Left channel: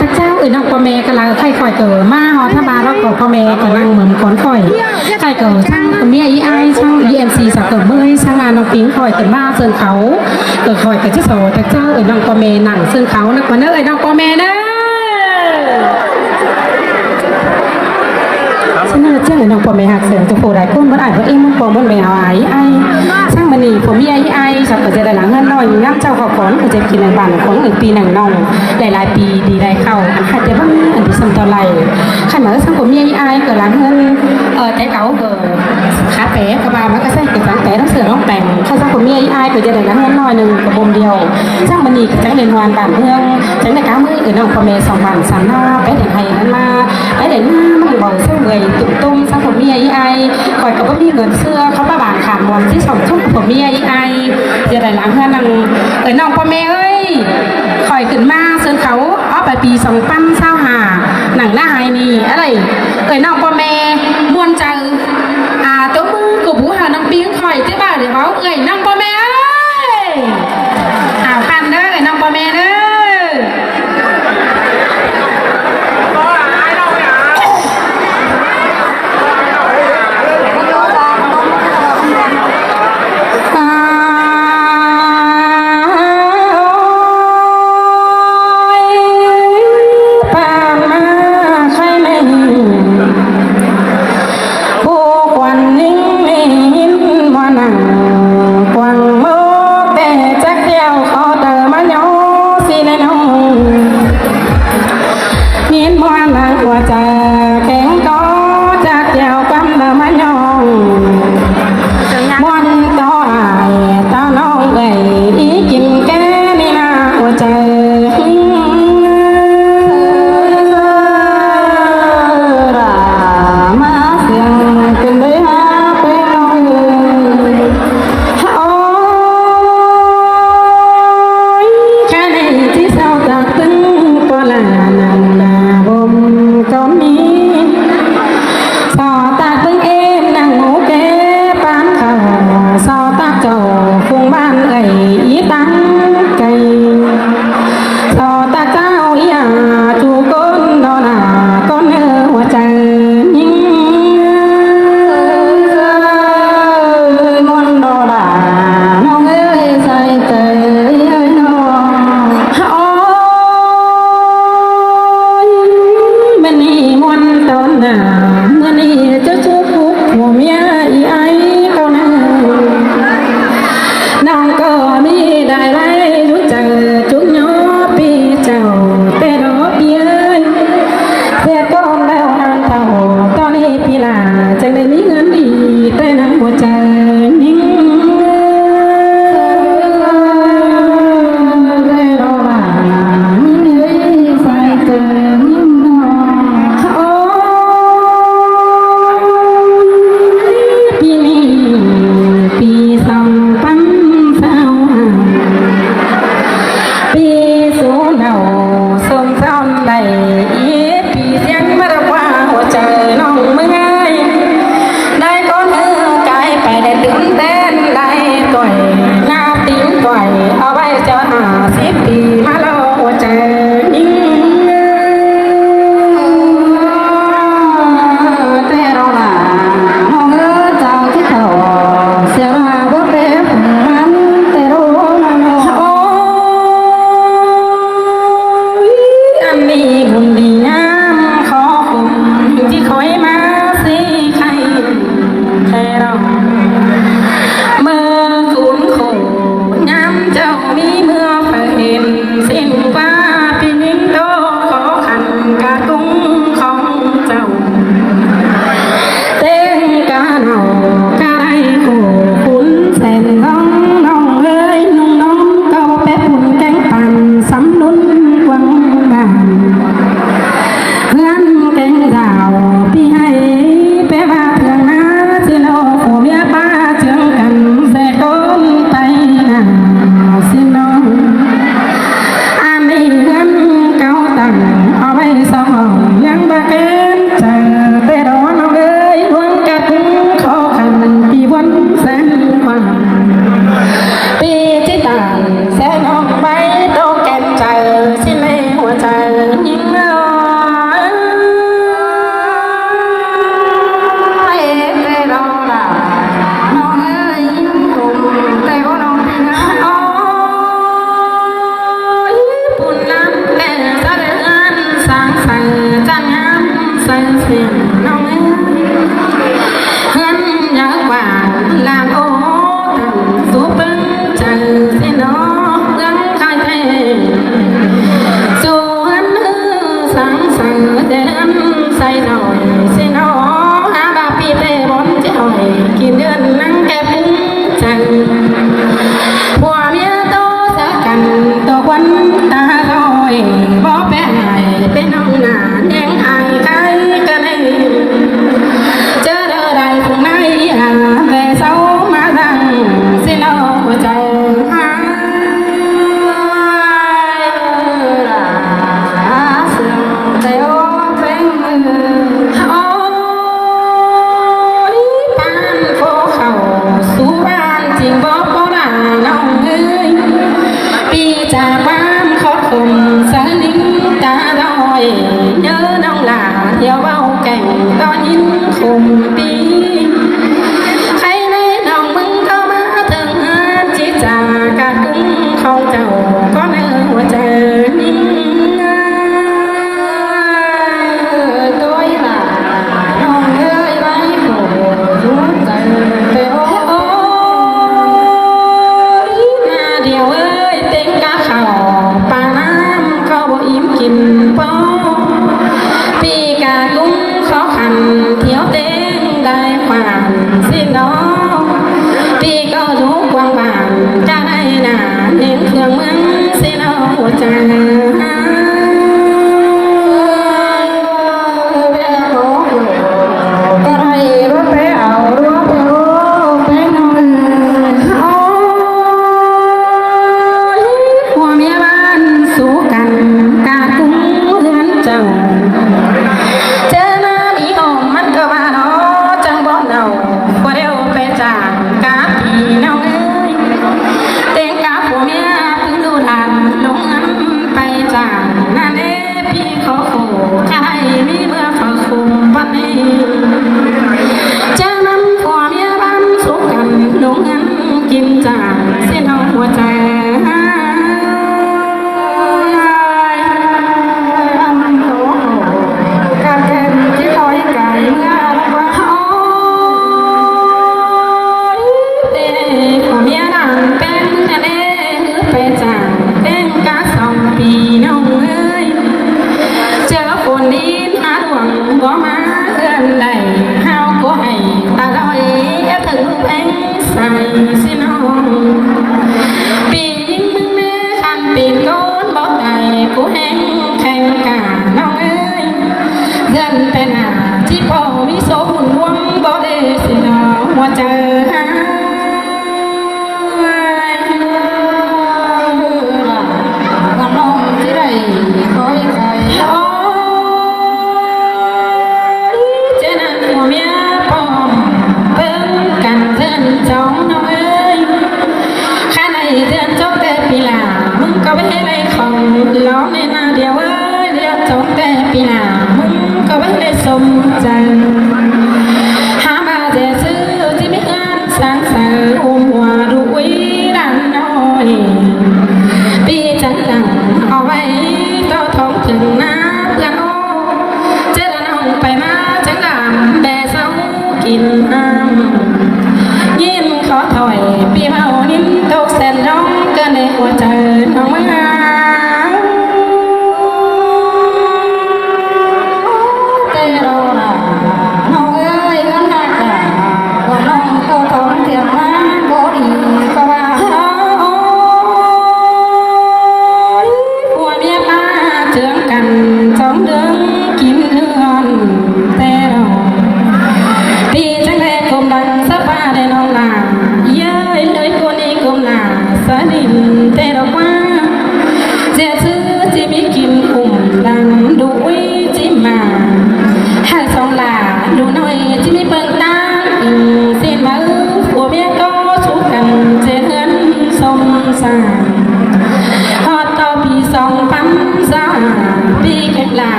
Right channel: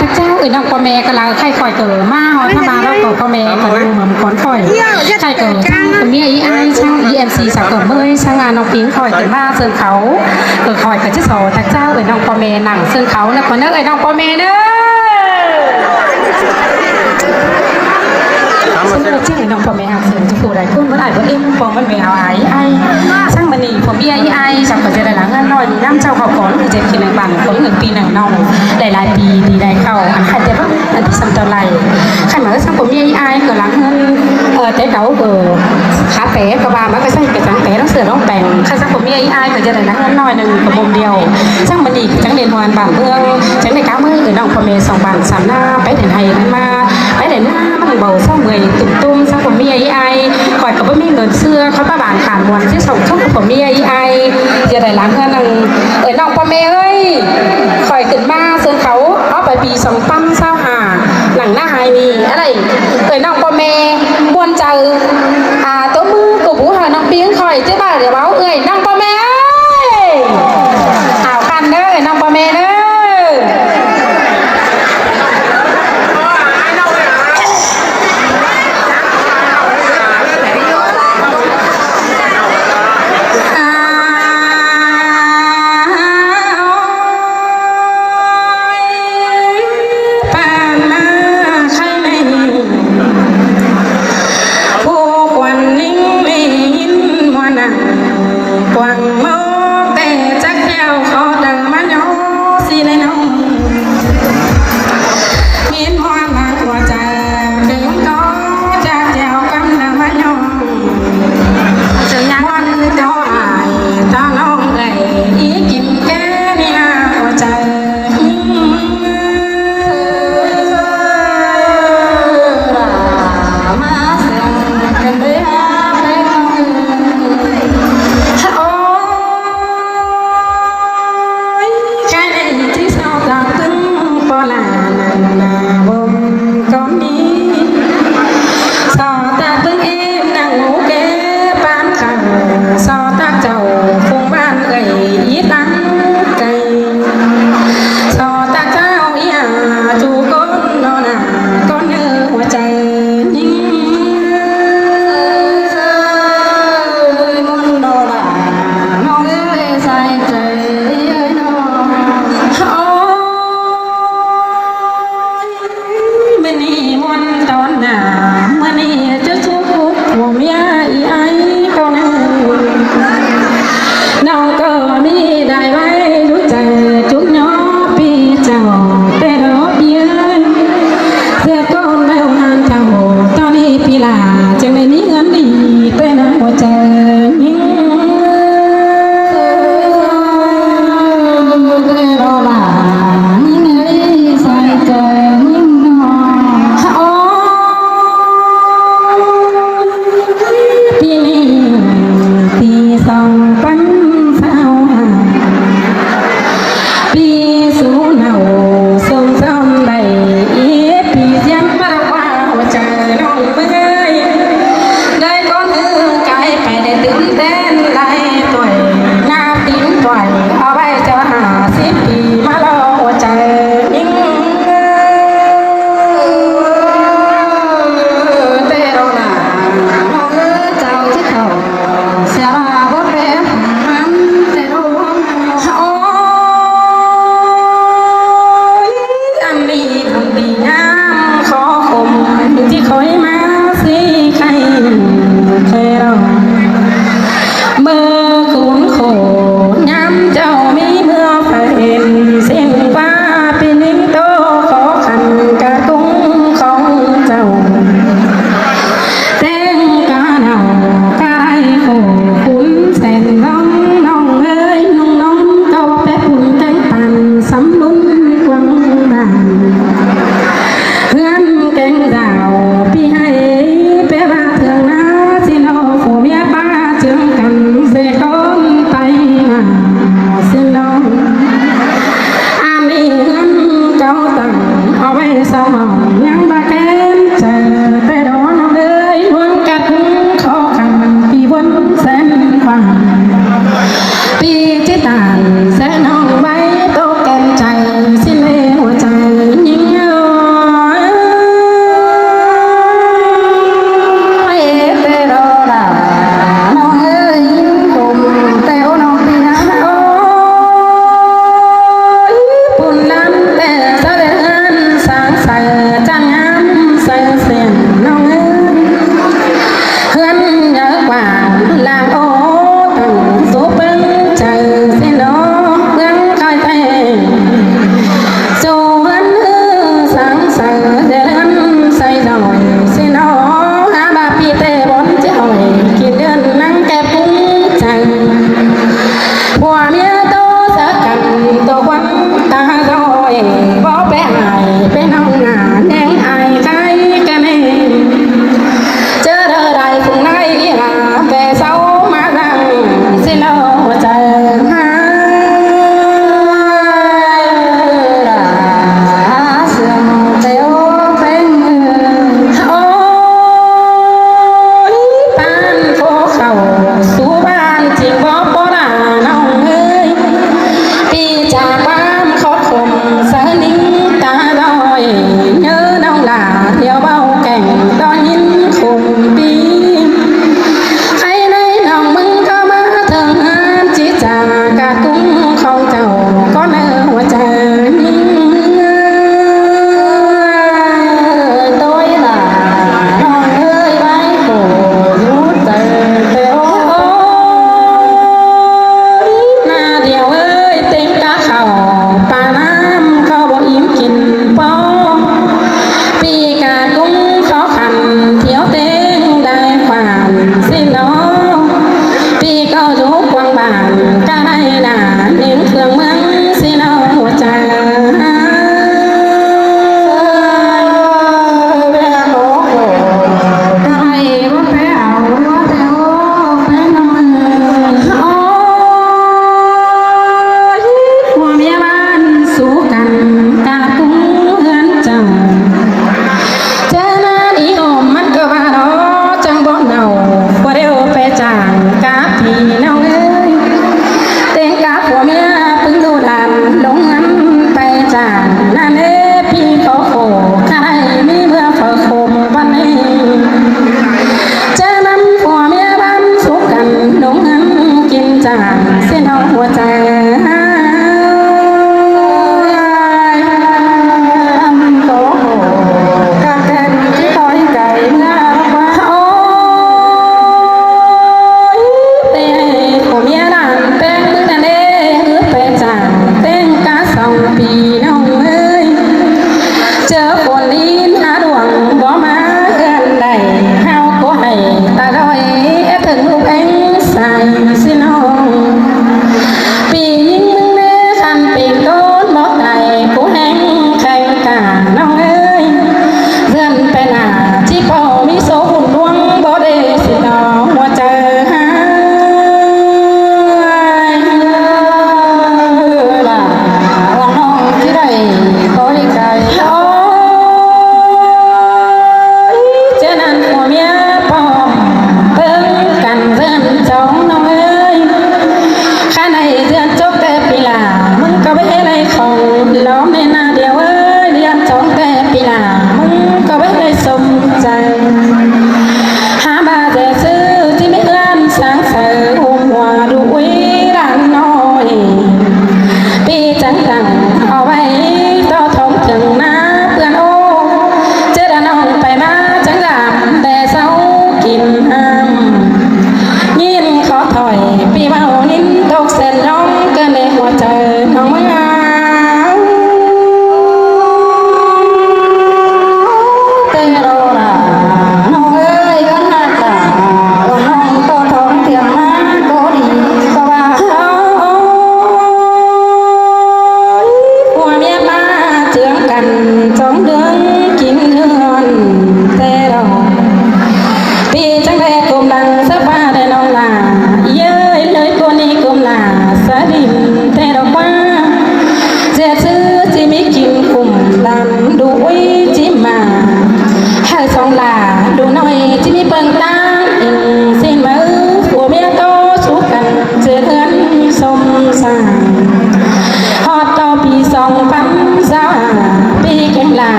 พระเจ้าน้องพ่อแม่ก็ลาใครคอยเกิดมาหอถ้ามาแล้วก็พ่อแม่ก็ลาหนอมขอนคอยใครเกิดช่างเมียไอ้ช่าง EMC สักเกิดเมื่อช่างน้องปิงคอยเกิดมาเสื่อเขาคอยกับเจ้าสอพระเจ้าน้องพ่อแม่หนังเสื่อเขาแล้วคนนั้นน้องพ่อแม่นะฉันเลือกเจ้าน้องพ่อแม่หักเสื่อจะโผล่หลายคนเมื่อไหร่เพราะเอ็มพ่อมันไม่หายไอ้ช่างมันนี่ผมเมียไอ้สักเกิดจะได้หลังเงินน้อยย่ำเจ้าขอบก่อนคือจะกินหนึ่งบาทคนอื่นปีหนึ่งน้องหลายปีดีได้เข้าอาจจะต้องสัมตะไลขันเหมือนสังคมยังอายก็หลังแต่เขาขาแผลก็ว่ามันก็ใช่เป็นขาแผลต้องเสือต้องแต่งข้าสังคมยังอายก็จะได้หลังน้อยหนึ่งคนเดียวช่างมันอีกจังเรียนวันป่าเมืองจังในการไม่น้องพเมสองวันสามหน้าไปเด็ดไทยหน้าไปเด็ดหน้ามันเบาเศร้าเลยตุ่มตุ้มสังคมยังอายคอยก็มีเงินเสื้อเขาประบาดขาดวันที่สองทุ่มผมยังอายจะได้หลังนั่งน้องพเมเฮ้ยคอยขึ้นมาเสื้อเขาเอาไปปี2025หนังหน้าไฮนี่อะไรน้องพ่อแม่มวนใจตัวมือกูผู้หาน้องเบี้ยคอยเจ้าบ่าวเดี๋ยวเขาน้องพ่อแม่ปันเด้อน้องพ่อแม่เด้อ bên ông là nên ai cái này chớ đợi đại cùng nay hàng về sau má đằng xin đâu chờ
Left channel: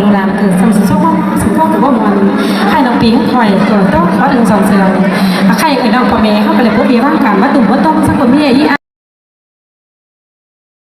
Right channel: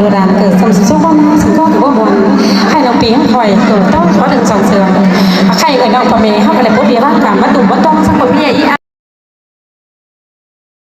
ดูดันเกิด